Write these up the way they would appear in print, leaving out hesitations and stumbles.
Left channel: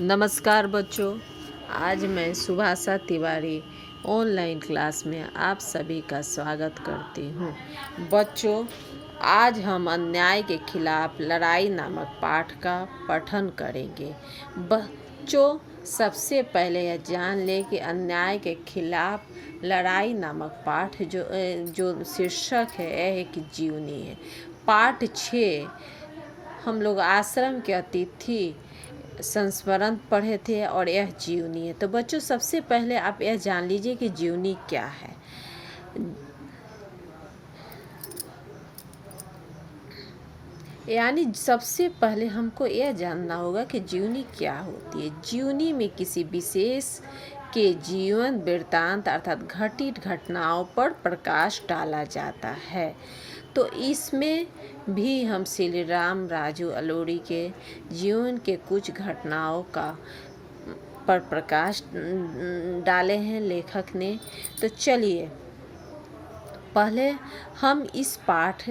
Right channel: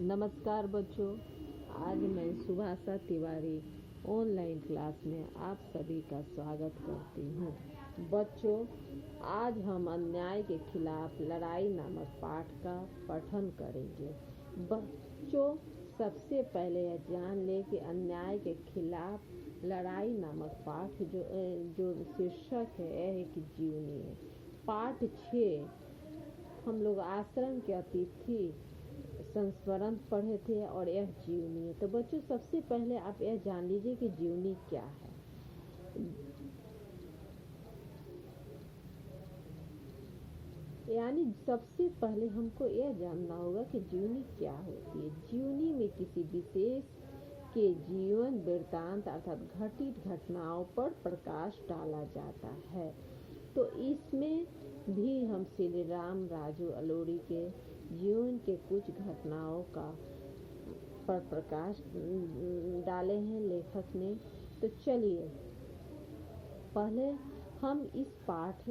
नमस्कार बच्चों। आज मैं सुभाषा तिवारी ऑनलाइन क्लास में आप सभी का स्वागत करती हूँ। बच्चों, आज हम अन्याय के खिलाफ लड़ाई नामक पाठ का पठन करेंगे। बच्चों, सबसे पहले यह जान लें कि अन्याय के खिलाफ लड़ाई नामक पाठ जो शीर्षक है यह एक जीवनी है। पाठ 6 हम लोग आश्रम के अतिथि संस्मरण पढ़े थे और यह जीवनी है। तो बच्चों, सबसे पहले आप यह जान लीजिए कि जीवनी क्या है। यानी सबसे पहले हमको यह जानना होगा कि जीवनी क्या होती है। जीवनी में किसी विशेष के जीवन वृत्तांत अर्थात घटित घटनाओं पर प्रकाश डाला जाता है। तो इसमें भी हम श्री राम राजू अलोड़ी के जीवन के कुछ घटनाओं पर प्रकाश डाले हैं लेखक ने। तो चलिए पहले हम इस पाठ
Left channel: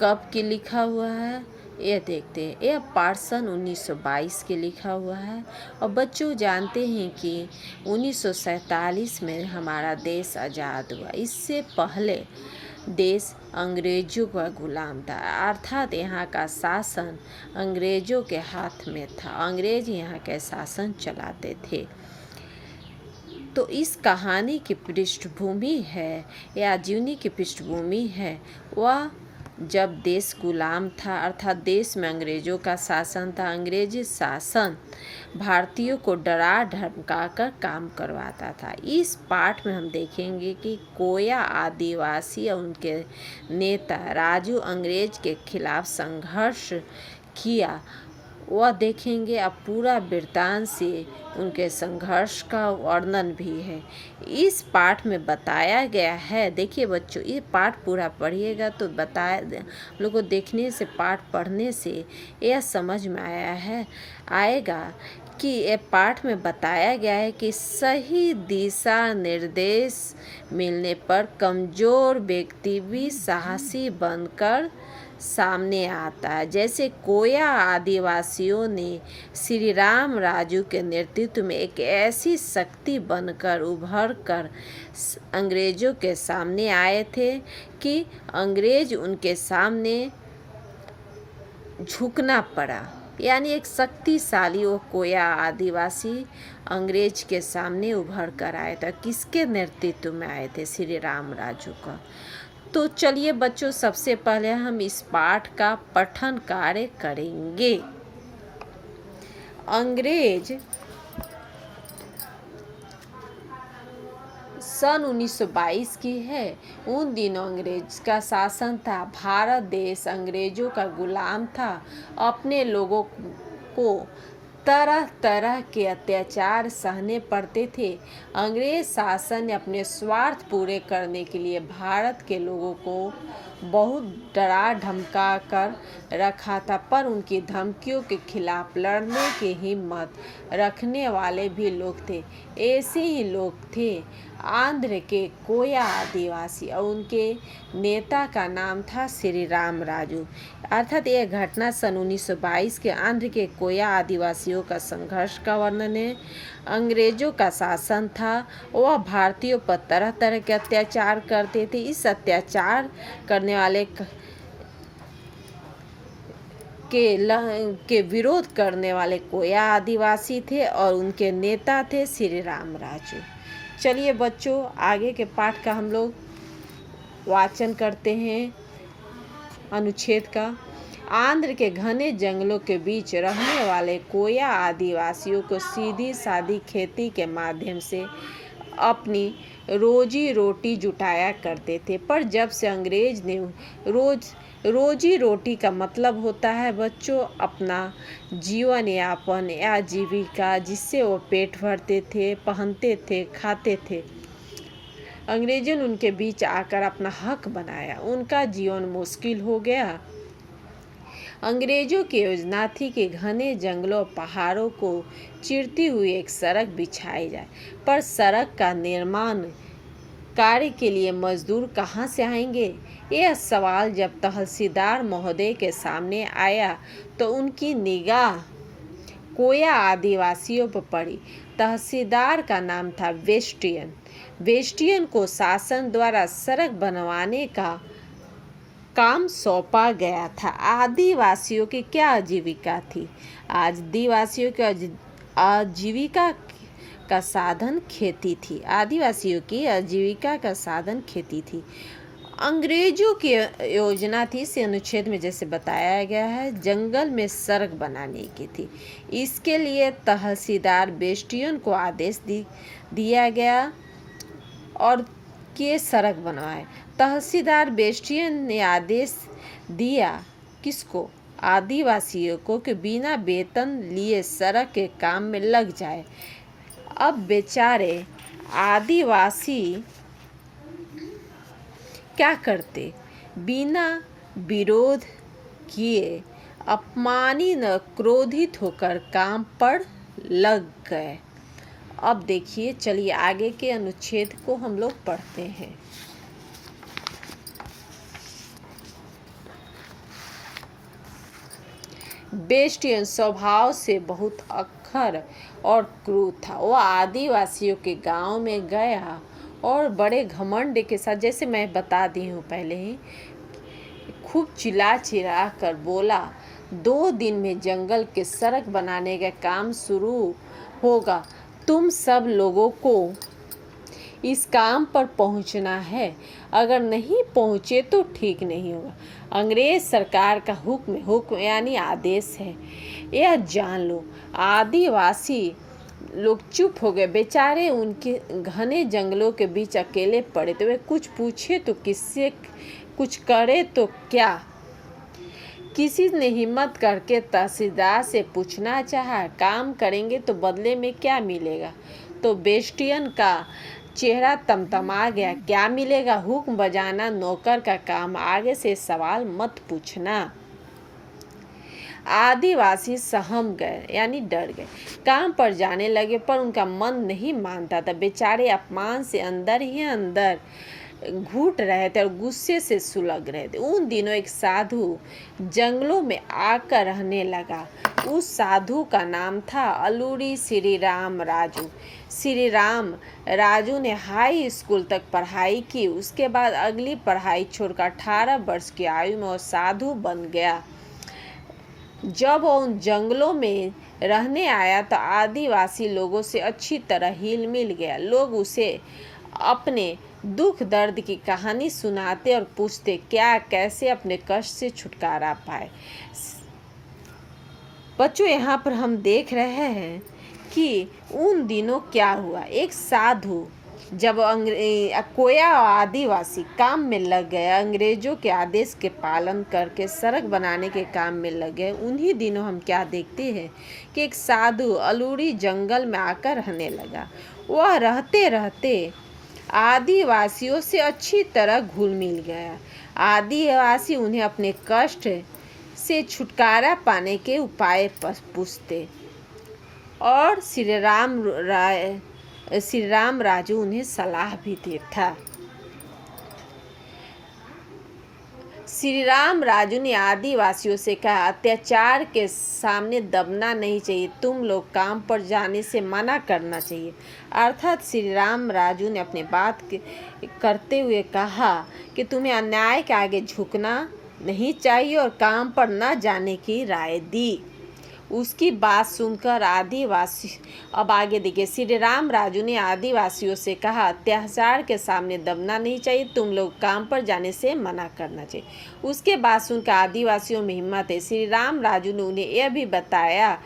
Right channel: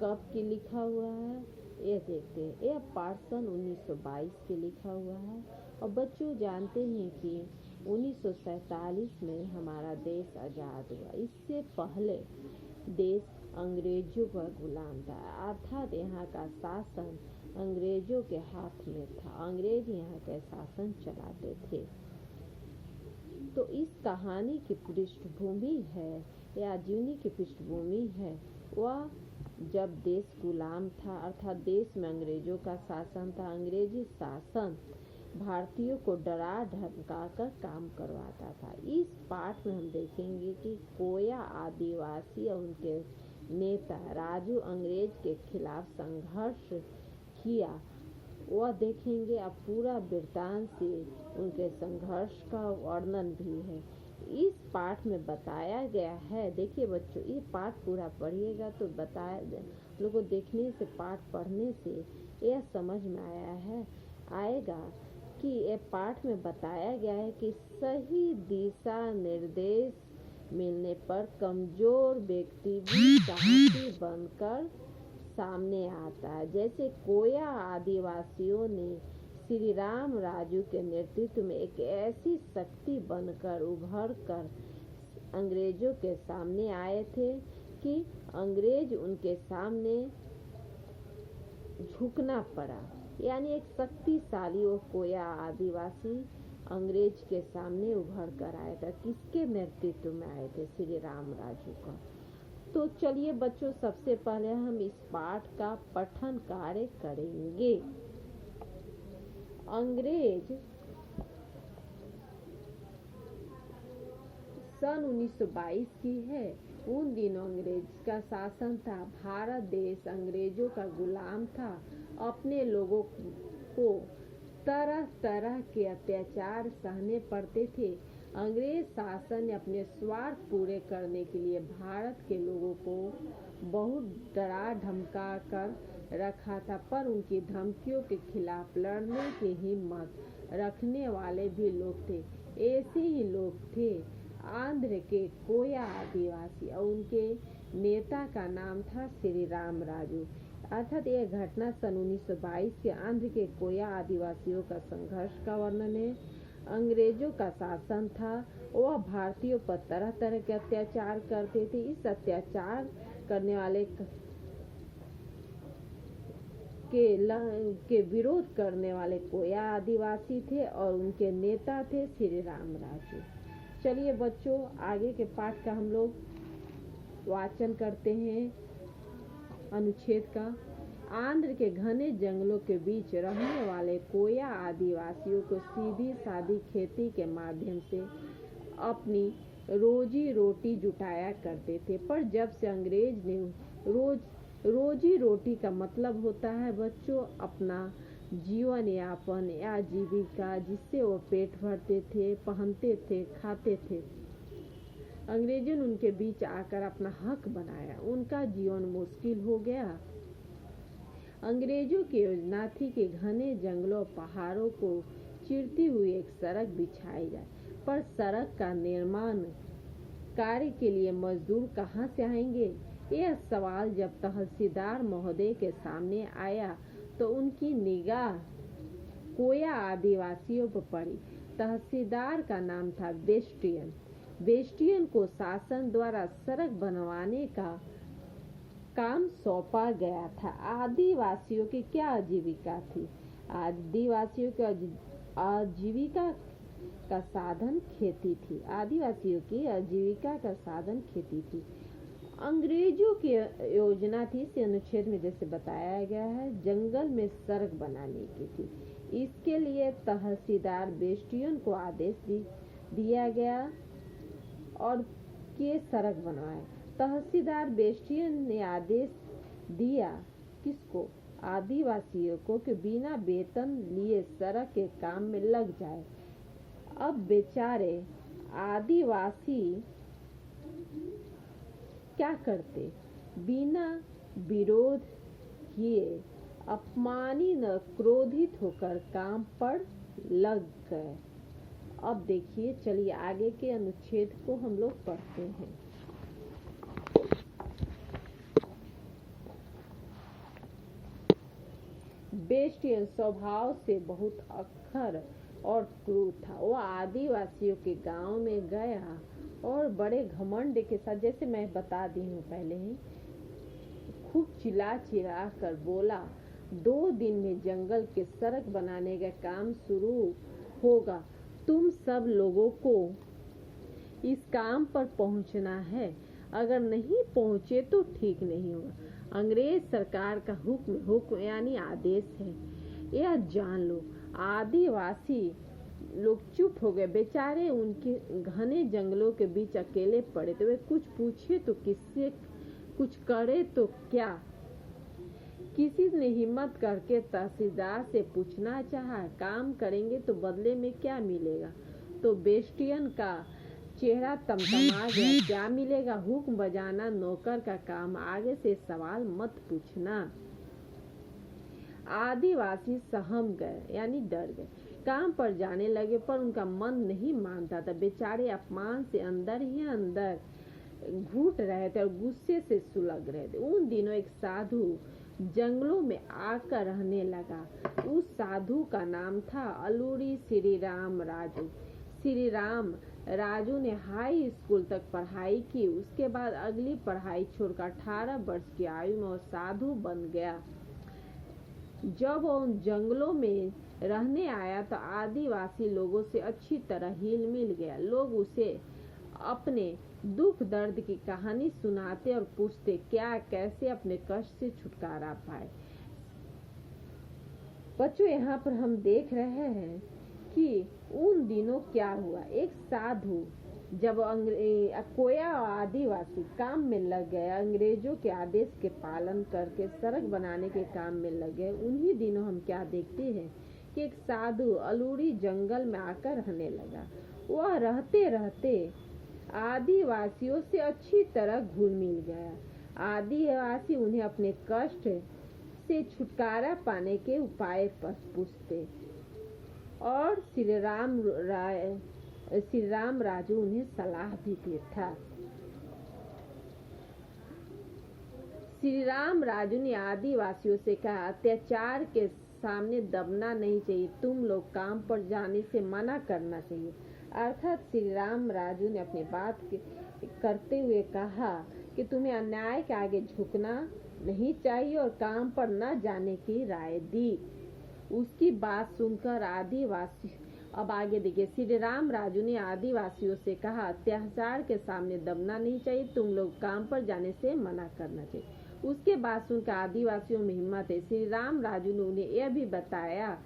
कब के लिखा हुआ है यह देखते हैं। यह पाठ सन 1922 के लिखा हुआ है। और बच्चों जानते हैं कि 1947 में हमारा देश आज़ाद हुआ। इससे पहले देश अंग्रेजों का गुलाम था, अर्थात यहाँ का शासन अंग्रेजों के हाथ में था। अंग्रेज यहाँ के शासन चलाते थे। तो इस कहानी की पृष्ठभूमि है या जीवनी की पृष्ठभूमि है वह जब देश गुलाम था, अर्थात देश में अंग्रेजों का शासन था। अंग्रेजी शासन भारतीयों को डरा धमका कर काम करवाता था। इस पाठ में हम देखेंगे कि कोया आदिवासी और उनके नेता राजू अंग्रेज के खिलाफ संघर्ष किया, वह देखेंगे। अब पूरा वृत्तांत से उनके संघर्ष का वर्णन भी है इस पाठ में बताया गया है। देखिए बच्चों, ये पाठ पूरा पढ़िएगा तो लोगों को देखने से, पाठ पढ़ने से यह समझ में आएगा कि ये पाठ में बताया गया है कि सही दिशा निर्देश मिलने पर कमज़ोर व्यक्ति भी साहसी बनकर सामने आता है। जैसे कोया आदिवासियों ने श्री राम राजू के नेतृत्व में एक ऐसी शक्ति बनकर उभर कर अंग्रेजों के सामने आए थे कि अंग्रेज उनके सामने झुकना पड़ा। यानी एक शक्तिशाली वो कोया आदिवासी अंग्रेज के सामने उभर कर आए थे। किसके नेतृत्व में आए थे? श्री राम राजू का। तो चलिए बच्चों, सबसे पहले हम इस पाठ का पठन कार्य करेंगे। अंग्रेज सन 1922 की है। उन दिनों अंग्रेज का शासन था। भारत देश अंग्रेजों का गुलाम था। अपने लोगों को तरह तरह के अत्याचार सहने पड़ते थे। अंग्रेज शासन ने अपने स्वार्थ पूरे करने के लिए भारत के लोगों को बहुत डरा धमका कर रखा था, पर उनकी धमकियों के खिलाफ लड़ने की हिम्मत रखने वाले भी लोग थे। ऐसे ही लोग थे आंध्र के कोया आदिवासी और उनके नेता का नाम था श्री राम राजू। अर्थात यह घटना सन 1922 के आंध्र के कोया आदिवासियों का संघर्ष का वर्णन है। अंग्रेजों का शासन था, वह भारतीयों पर तरह तरह के अत्याचार करते थे। इस अत्याचार करने वाले के विरोध करने वाले कोया आदिवासी थे और उनके नेता थे श्री राम राजू। चलिए बच्चों, आगे के पाठ का हम लोग वाचन करते हैं। अनुच्छेद का। आंध्र के घने जंगलों के बीच रहने वाले कोया आदिवासियों को सीधी सादी खेती के माध्यम से अपनी रोजी रोटी जुटाया करते थे। पर जब से अंग्रेज ने रोजी रोटी का मतलब होता है बच्चों अपना जीवन यापन या जीविका, जिससे वो पेट भरते थे, पहनते थे, खाते थे। अंग्रेजों ने उनके बीच आकर अपना हक बनाया। उनका जीवन मुश्किल हो गया। अंग्रेजों की योजना थी कि घने जंगलों पहाड़ों को चीरती हुई एक सड़क बिछाई जाए, पर सड़क का निर्माण कार्य के लिए मजदूर कहाँ से आएंगे? यह सवाल जब तहसीलदार महोदय के सामने आया तो उनकी निगाह कोया आदिवासियों पर पड़ी। तहसीलदार का नाम था वेस्टियन। वेस्टियन को शासन द्वारा सड़क बनवाने का काम सौंपा गया था। आदिवासियों की क्या आजीविका थी? आदिवासियों की आजीविका का साधन खेती थी। आदिवासियों की आजीविका का साधन खेती थी। अंग्रेजों की योजना थी, इस अनुच्छेद में जैसे बताया गया है, जंगल में सड़क बनाने की थी। इसके लिए तहसीलदार बेस्टियन को आदेश दिया गया और के सड़क बनवाए। तहसीलदार बेस्टियन ने आदेश दिया किसको? आदिवासियों को कि बिना वेतन लिए सड़क के काम में लग जाए। अब बेचारे आदिवासी क्या करते? बिना विरोध किए अपमानित न क्रोधित होकर काम पर लग गए। अब देखिए, चलिए आगे के अनुच्छेद को हम लोग पढ़ते हैं। बेस्टियन स्वभाव से बहुत अक्खर और क्रूर था। वो आदिवासियों के गांव में गया और बड़े घमंड के साथ, जैसे मैं बता दी हूँ पहले ही, खूब चिल्ला कर बोला, 2 दिन में जंगल के सड़क बनाने का काम शुरू होगा। तुम सब लोगों को इस काम पर पहुंचना है। अगर नहीं पहुंचे तो ठीक नहीं होगा। अंग्रेज सरकार का हुक्म यानी आदेश है, यह जान लो। आदिवासी लोग चुप हो गए। बेचारे उनके घने जंगलों के बीच अकेले पड़े, तो वे कुछ पूछे तो किससे, कुछ करे तो क्या? किसी ने हिम्मत करके तहसीलदार से पूछना चाहा, काम करेंगे तो बदले में क्या मिलेगा? तो बेस्टियन का चेहरा तमतमा गया। क्या मिलेगा? हुक्म बजाना नौकर का काम, आगे से सवाल मत पूछना। आदिवासी सहम गए यानी डर गए, काम पर जाने लगे, पर उनका मन नहीं मानता था। बेचारे अपमान से अंदर ही अंदर घुट रहे थे और गुस्से से सुलग रहे थे। उन दिनों एक साधु जंगलों में आकर रहने लगा। उस साधु का नाम था अलूरी श्री राम राजू। श्री राम राजू ने हाई स्कूल तक पढ़ाई की। उसके बाद अगली पढ़ाई छोड़कर 18 वर्ष की आयु में वो साधु बन गया। जब वो उन जंगलों में रहने आया तो आदिवासी लोगों से अच्छी तरह हिल मिल गया। लोग उसे अपने दुख दर्द की कहानी सुनाते और पूछते क्या कैसे अपने कष्ट से छुटकारा पाए। बच्चों, यहाँ पर हम देख रहे हैं कि उन दिनों क्या हुआ। एक साधु जब कोया और आदिवासी काम में लग गए, अंग्रेजों के आदेश के पालन करके सड़क बनाने के काम में लग गए, उन्हीं दिनों हम क्या देखते हैं कि एक साधु अलूरी जंगल में आकर रहने लगा। वह रहते रहते आदिवासियों से अच्छी तरह घुल मिल गया। आदिवासी उन्हें अपने कष्ट से छुटकारा पाने के उपाय पर पूछते और श्री राम राजू उन्हें सलाह भी देता। श्री राम राजू ने आदिवासियों से कहा, अत्याचार के सामने दबना नहीं चाहिए, तुम लोग काम पर जाने से मना करना चाहिए। अर्थात श्री राम राजू ने अपनी बात करते हुए कहा कि तुम्हें अन्याय के आगे झुकना नहीं चाहिए और काम पर न जाने की राय दी। उसकी बात सुनकर आदिवासी, अब आगे देखिए, श्री राम राजू ने आदिवासियों से कहा, अत्याचार के सामने दबना नहीं चाहिए, तुम लोग काम पर जाने से मना करना चाहिए। उसके बाद सुनकर आदिवासियों में हिम्मत है। श्री राम राजू ने उन्हें यह भी बताया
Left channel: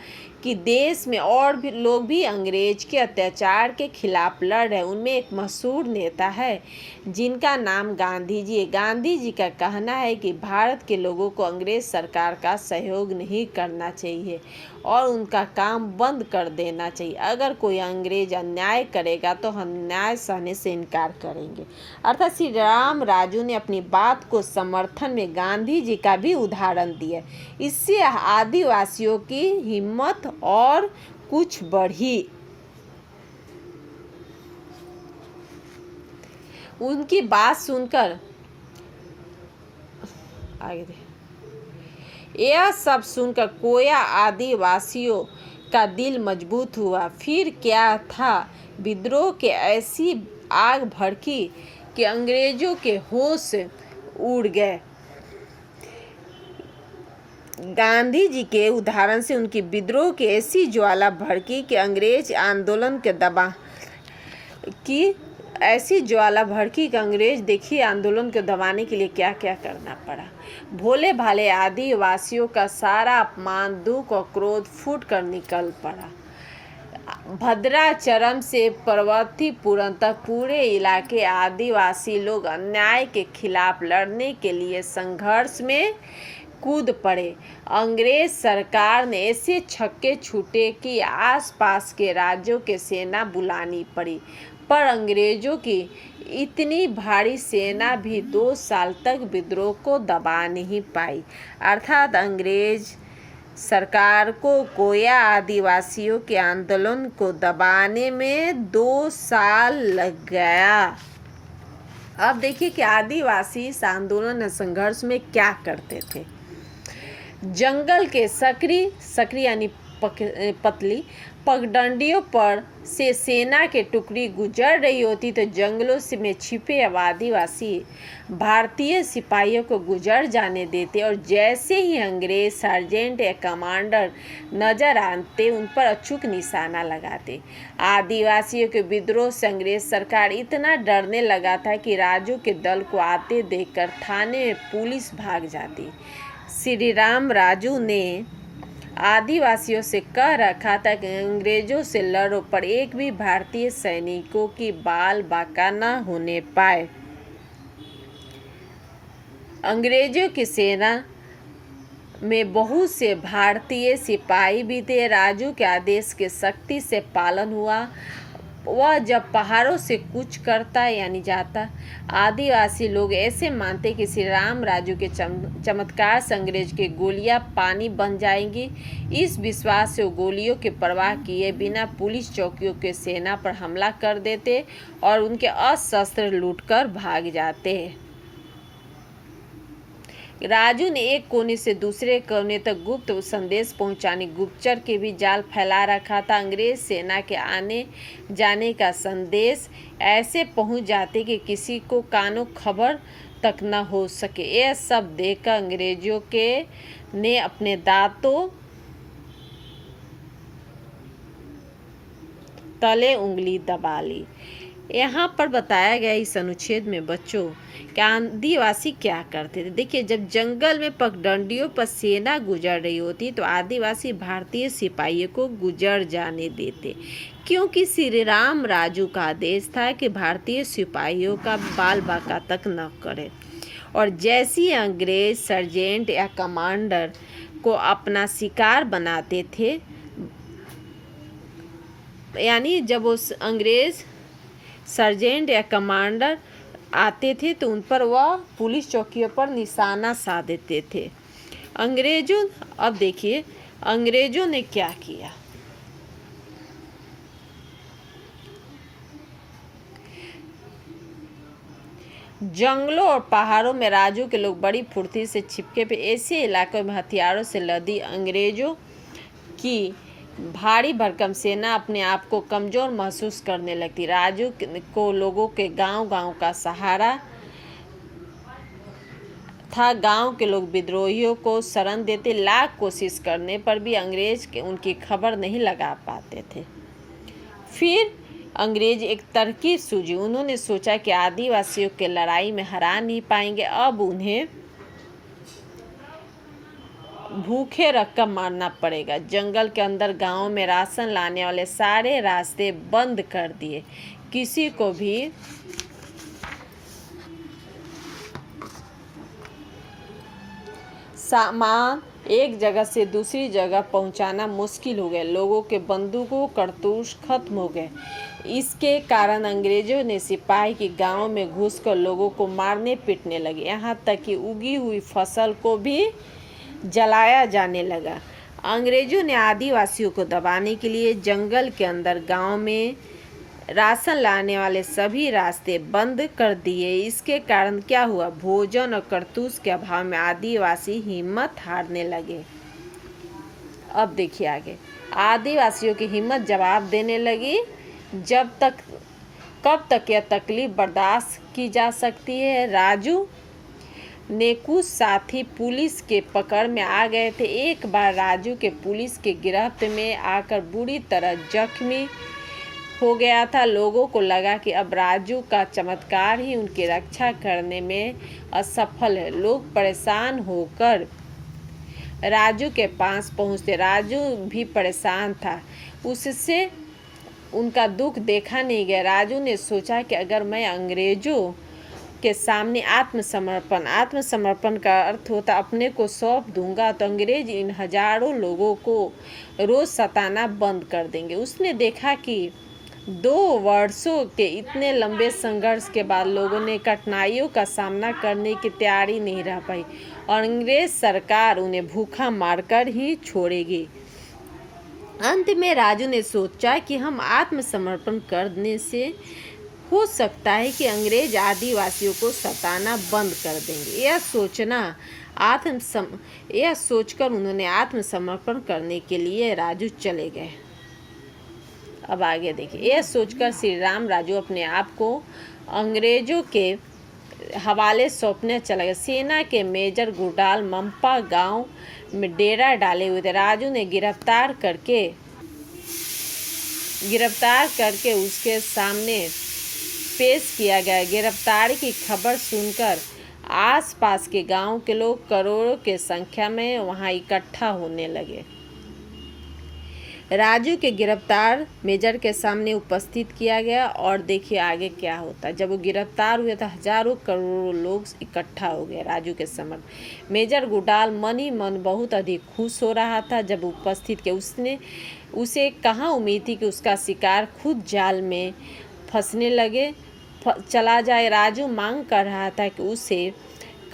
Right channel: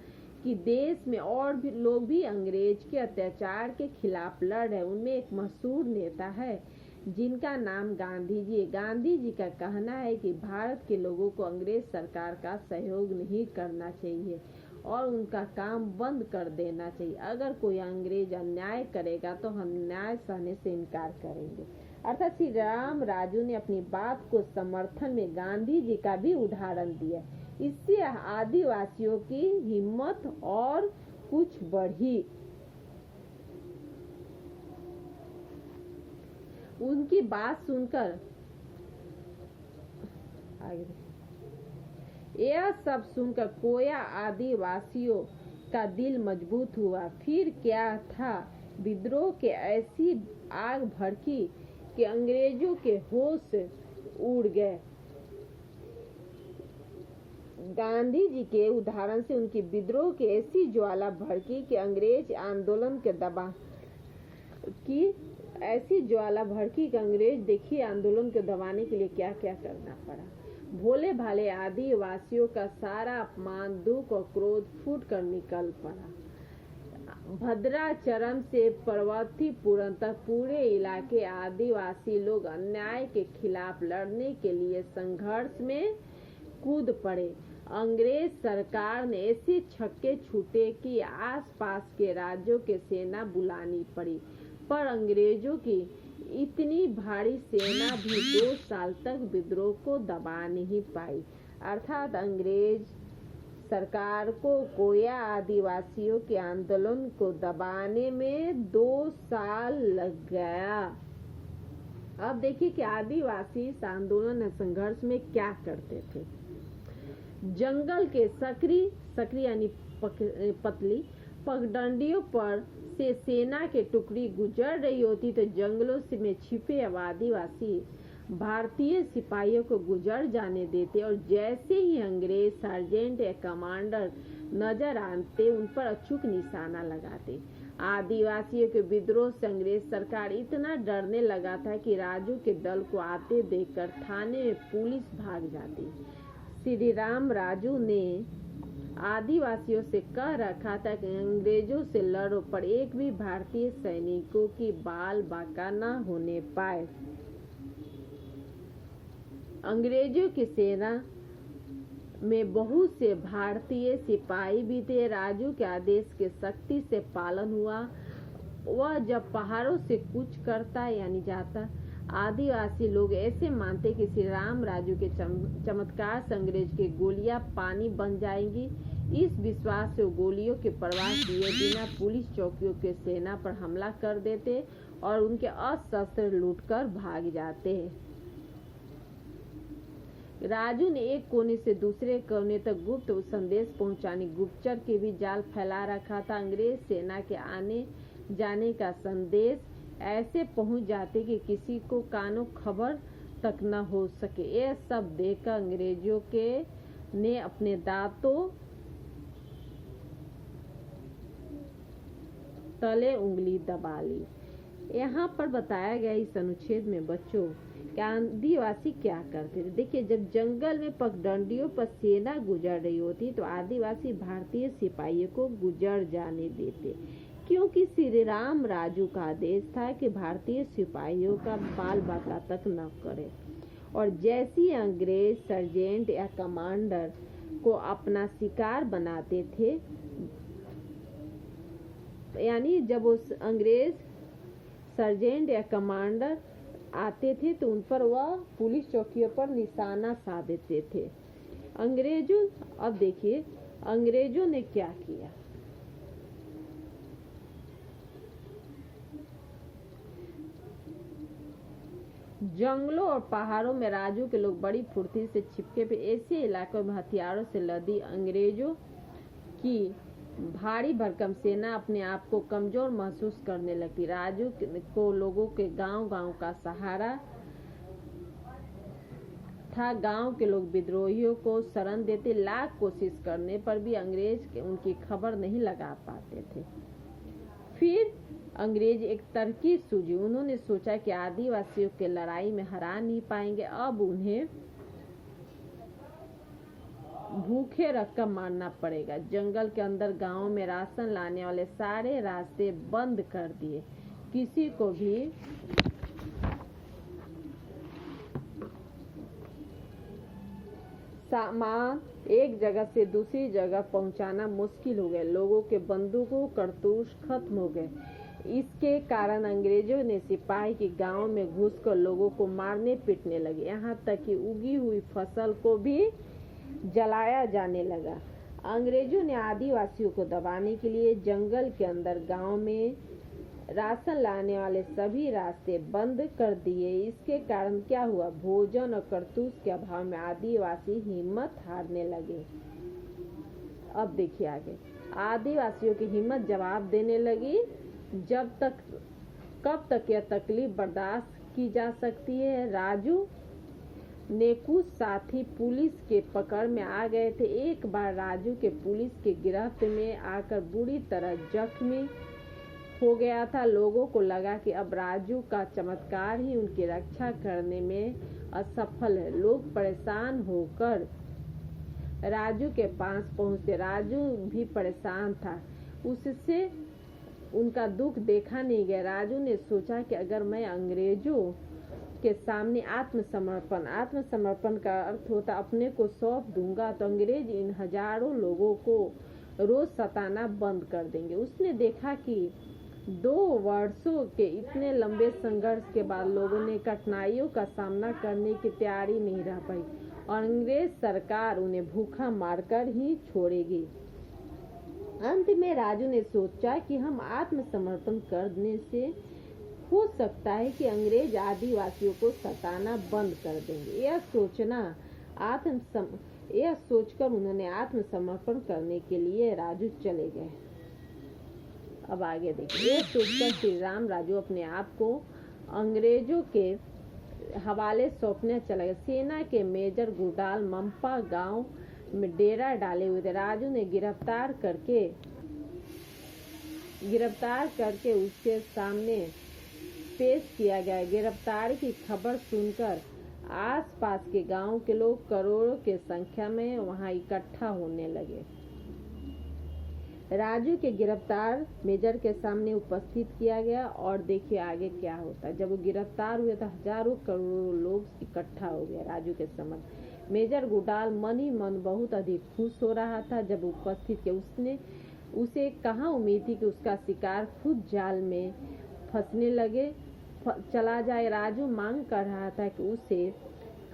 कि देश में और भी लोग भी अंग्रेज के अत्याचार के खिलाफ लड़ रहे हैं। उनमें एक मशहूर नेता है जिनका नाम गांधी जी है। गांधी जी का कहना है कि भारत के लोगों को अंग्रेज सरकार का सहयोग नहीं करना चाहिए और उनका काम बंद कर देना चाहिए। अगर कोई अंग्रेज अन्याय करेगा तो हम न्याय सहने से इनकार करेंगे। अर्थात श्री राम राजू ने अपनी बात को समर्थन में गांधी जी का भी उदाहरण दिया। इससे आदिवासियों की हिम्मत और कुछ बढ़ी। उनकी बात सुनकर यह सब सुनकर कोया आदिवासियों का दिल मजबूत हुआ। फिर क्या था, विद्रोह के ऐसी आग भड़की कि अंग्रेजों के होश उड़ गए। गांधी जी के उदाहरण से उनकी विद्रोह की ऐसी ज्वाला भड़की कि अंग्रेज आंदोलन के देखिए आंदोलन को दबाने के लिए क्या क्या करना पड़ा। भोले भाले आदिवासियों का सारा अपमान, दुख और क्रोध फूट कर निकल पड़ा। भद्राचरम से पार्वतीपुरम तक पूरे इलाके आदिवासी लोग अन्याय के खिलाफ लड़ने के लिए संघर्ष में कूद पड़े। अंग्रेज सरकार ने ऐसे छक्के छूटे कि आसपास के राज्यों के सेना बुलानी पड़ी, पर अंग्रेजों की इतनी भारी सेना भी 2 साल तक विद्रोह को दबा नहीं पाई। अर्थात अंग्रेज सरकार को गोया आदिवासियों के आंदोलन को दबाने में 2 साल लग गया। अब देखिए कि आदिवासी इस आंदोलन और संघर्ष में क्या करते थे। जंगल के सकरी यानी पतली पगडंडियों पर से सेना के टुकड़ी गुजर रही होती तो जंगलों में छिपे आदिवासी भारतीय सिपाहियों को गुजर जाने देते, और जैसे ही अंग्रेज सार्जेंट या कमांडर नजर आते उन पर अचूक निशाना लगाते। आदिवासियों के विद्रोह से अंग्रेज सरकार इतना डरने लगा था कि राजू के दल को आते देखकर थाने में पुलिस भाग जाती। श्री राम राजू ने आदिवासियों से कह रखा था कि अंग्रेजों से लड़ो, पर एक भी भारतीय सैनिकों की बाल बाका न होने पाए। अंग्रेजों की सेना में बहुत से भारतीय सिपाही भी थे। राजू के आदेश के सख्ती से पालन हुआ। वह जब पहाड़ों से कूच करता यानी जाता, आदिवासी लोग ऐसे मानते कि श्री राम राजू के चमत्कार से अंग्रेज के गोलियां पानी बन जाएंगी। इस विश्वास से वो गोलियों की परवाह किए बिना पुलिस चौकियों के सेना पर हमला कर देते और उनके अस्त्र लूटकर भाग जाते। राजू ने एक कोने से दूसरे कोने तक गुप्त संदेश पहुंचाने गुप्तचर के भी जाल फैला रखा था। अंग्रेज सेना के आने जाने का संदेश ऐसे पहुंच जाते कि किसी को कानों खबर तक न हो सके। यह सब देखकर अंग्रेजों के ने अपने दांतों तले उंगली दबा ली। यहाँ पर बताया गया इस अनुच्छेद में बच्चों कि आदिवासी क्या करते थे। देखिए, जब जंगल में पगडंडियों पर सेना गुजर रही होती तो आदिवासी भारतीय सिपाहियों को गुजर जाने देते, क्योंकि श्री राम राजू का आदेश था कि भारतीय सिपाहियों का बाल बाका तक न करे। और जैसी अंग्रेज सर्जेंट या कमांडर को अपना शिकार बनाते थे, यानी जब उस अंग्रेज सर्जेंट या कमांडर आते थे तो उन पर वह पुलिस चौकियों पर निशाना साध देते थे। अब देखिए अंग्रेजों ने क्या किया। जंगलों और पहाड़ों में राजू के लोग बड़ी फुर्ती से छिपके पे ऐसे इलाकों में हथियारों से लदी अंग्रेजों की भारी भरकम सेना अपने आप को कमज़ोर महसूस करने लगती। राजू को लोगों के गांव का सहारा था। गांव के लोग विद्रोहियों को शरण देते। लाख कोशिश करने पर भी अंग्रेज उनकी खबर नहीं लगा पाते थे। फिर अंग्रेज एक तरकीब सूझी। उन्होंने सोचा कि आदिवासियों के लड़ाई में हरा नहीं पाएंगे, अब उन्हें भूखे रखकर मारना पड़ेगा। जंगल के अंदर गांव में राशन लाने वाले सारे रास्ते बंद कर दिए। किसी को भी सामान एक जगह से दूसरी जगह पहुंचाना मुश्किल हो गया। लोगों के बंदूकों कारतूस खत्म हो गए। इसके कारण अंग्रेजों ने सिपाही के गांव में घुसकर लोगों को मारने पीटने लगे। यहाँ तक कि उगी हुई फसल को भी जलाया जाने लगा। अंग्रेजों ने आदिवासियों को दबाने के लिए जंगल के अंदर गांव में राशन लाने वाले सभी रास्ते बंद कर दिए। इसके कारण क्या हुआ, भोजन और कारतूस के अभाव में आदिवासी हिम्मत हारने लगे। अब देखिए आगे, आदिवासियों की हिम्मत जवाब देने लगी, कब तक यह तकलीफ बर्दाश्त की जा सकती है। राजू ने कुछ साथी पुलिस के पकड़ में आ गए थे। एक बार राजू के पुलिस के गिरफ्त में आकर बुरी तरह जख्मी हो गया था। लोगों को लगा कि अब राजू का चमत्कार ही उनकी रक्षा करने में असफल है। लोग परेशान होकर राजू के पास पहुंचते। राजू भी परेशान था, उससे उनका दुख देखा नहीं गया। राजू ने सोचा कि अगर मैं अंग्रेजों के सामने आत्मसमर्पण का अर्थ होता अपने को सौंप दूंगा, तो अंग्रेज इन हजारों लोगों को रोज सताना बंद कर देंगे। उसने देखा कि 2 वर्षों के इतने लंबे संघर्ष के बाद लोगों ने कठिनाइयों का सामना करने की तैयारी नहीं रह पाई और अंग्रेज सरकार उन्हें भूखा मारकर ही छोड़ेगी। अंत में राजू ने सोचा कि हम आत्मसमर्पण करने से हो सकता है कि अंग्रेज आदिवासियों को सताना बंद कर देंगे। यह सोचकर उन्होंने आत्मसमर्पण करने के लिए राजू चले गए। अब आगे देखिए। यह सोचकर श्री राम राजू अपने आप को अंग्रेजों के हवाले सौंपने चला गया। सेना के मेजर गुरडाल मंपा गांव में डेरा डाले हुए थे। राजू ने गिरफ्तार करके उसके सामने पेश किया गया। गिरफ्तारी की खबर सुनकर आसपास के गांव के लोग करोड़ों की संख्या में वहां इकट्ठा होने लगे। राजू के गिरफ्तार मेजर के सामने उपस्थित किया गया और देखिए आगे क्या होता है। जब वो गिरफ्तार हुए तो हजारों करोड़ों लोग इकट्ठा हो गए राजू के समक्ष। मेजर गुरडाल मन ही मन बहुत अधिक खुश हो रहा था जब उपस्थित किया। उसे कहाँ उम्मीद थी कि उसका शिकार खुद जाल में फंसने चला जाए। राजू मांग कर रहा था कि उसे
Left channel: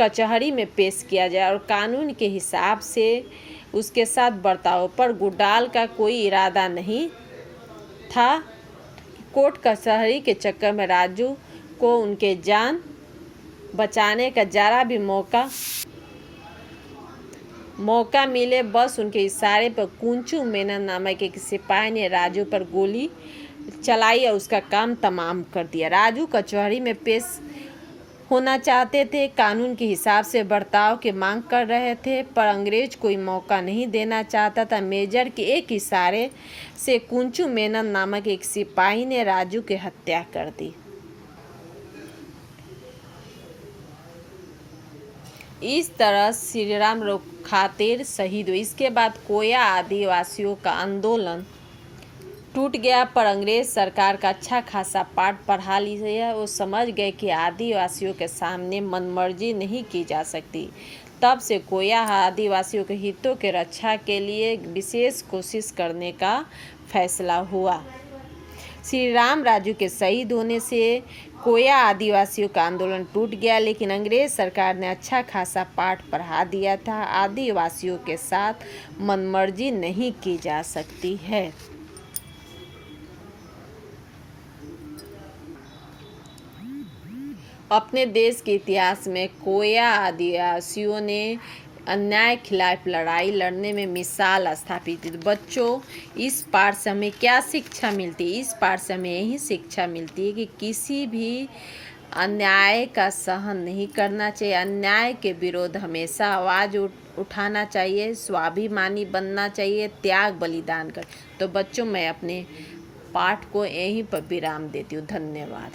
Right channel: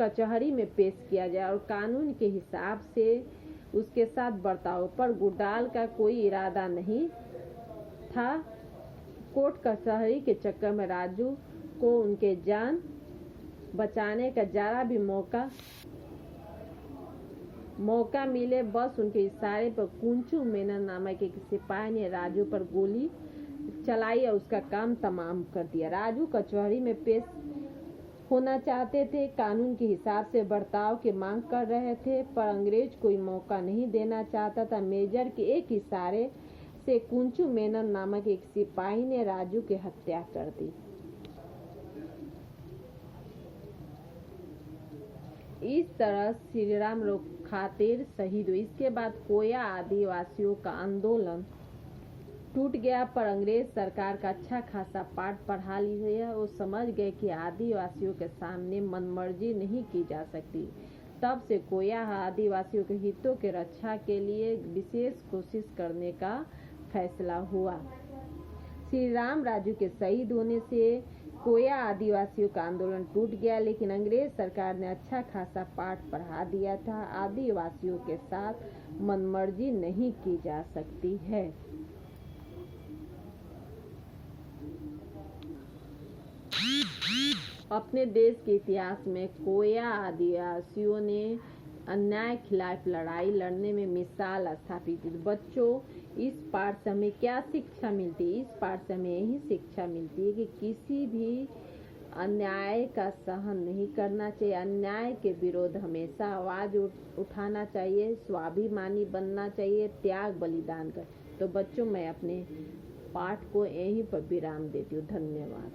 कचहरी में पेश किया जाए और कानून के हिसाब से उसके साथ बर्ताव, पर गुरडाल का कोई इरादा नहीं था। कोर्ट कचहरी के चक्कर में राजू को उनके जान बचाने का जरा भी मौका मिले, बस उनके इशारे पर कुंचू मेनन नामक एक सिपाही ने राजू पर गोली चलाई और उसका काम तमाम कर दिया। राजू कचहरी में पेश होना चाहते थे, कानून के हिसाब से बर्ताव की मांग कर रहे थे, पर अंग्रेज कोई मौका नहीं देना चाहता था। मेजर के एक इशारे से कुंचू मेनन नामक एक सिपाही ने राजू की हत्या कर दी। इस तरह श्री राम खातिर शहीद हुए। इसके बाद कोया आदिवासियों का आंदोलन टूट गया, पर अंग्रेज सरकार का अच्छा खासा पाठ पढ़ा लिया। वो समझ गए कि आदिवासियों के सामने मनमर्जी नहीं की जा सकती। तब से कोया आदिवासियों के हितों के रक्षा के लिए विशेष कोशिश करने का फैसला हुआ। श्री राम राजू के शहीद होने से कोया आदिवासियों का आंदोलन टूट गया, लेकिन अंग्रेज सरकार ने अच्छा खासा पाठ पढ़ा दिया था। आदिवासियों के साथ मनमर्जी नहीं की जा सकती है। अपने देश के इतिहास में कोया आदिवासियों ने अन्याय खिलाफ लड़ाई लड़ने में मिसाल स्थापित की। बच्चों, इस पाठ से हमें क्या शिक्षा मिलती है? इस पाठ से हमें यही शिक्षा मिलती है कि किसी भी अन्याय का सहन नहीं करना चाहिए। अन्याय के विरोध हमेशा आवाज़ उठाना चाहिए, स्वाभिमानी बनना चाहिए, त्याग बलिदान कर। तो बच्चों, मैं अपने पाठ को यहीं पर विराम देती हूँ। धन्यवाद।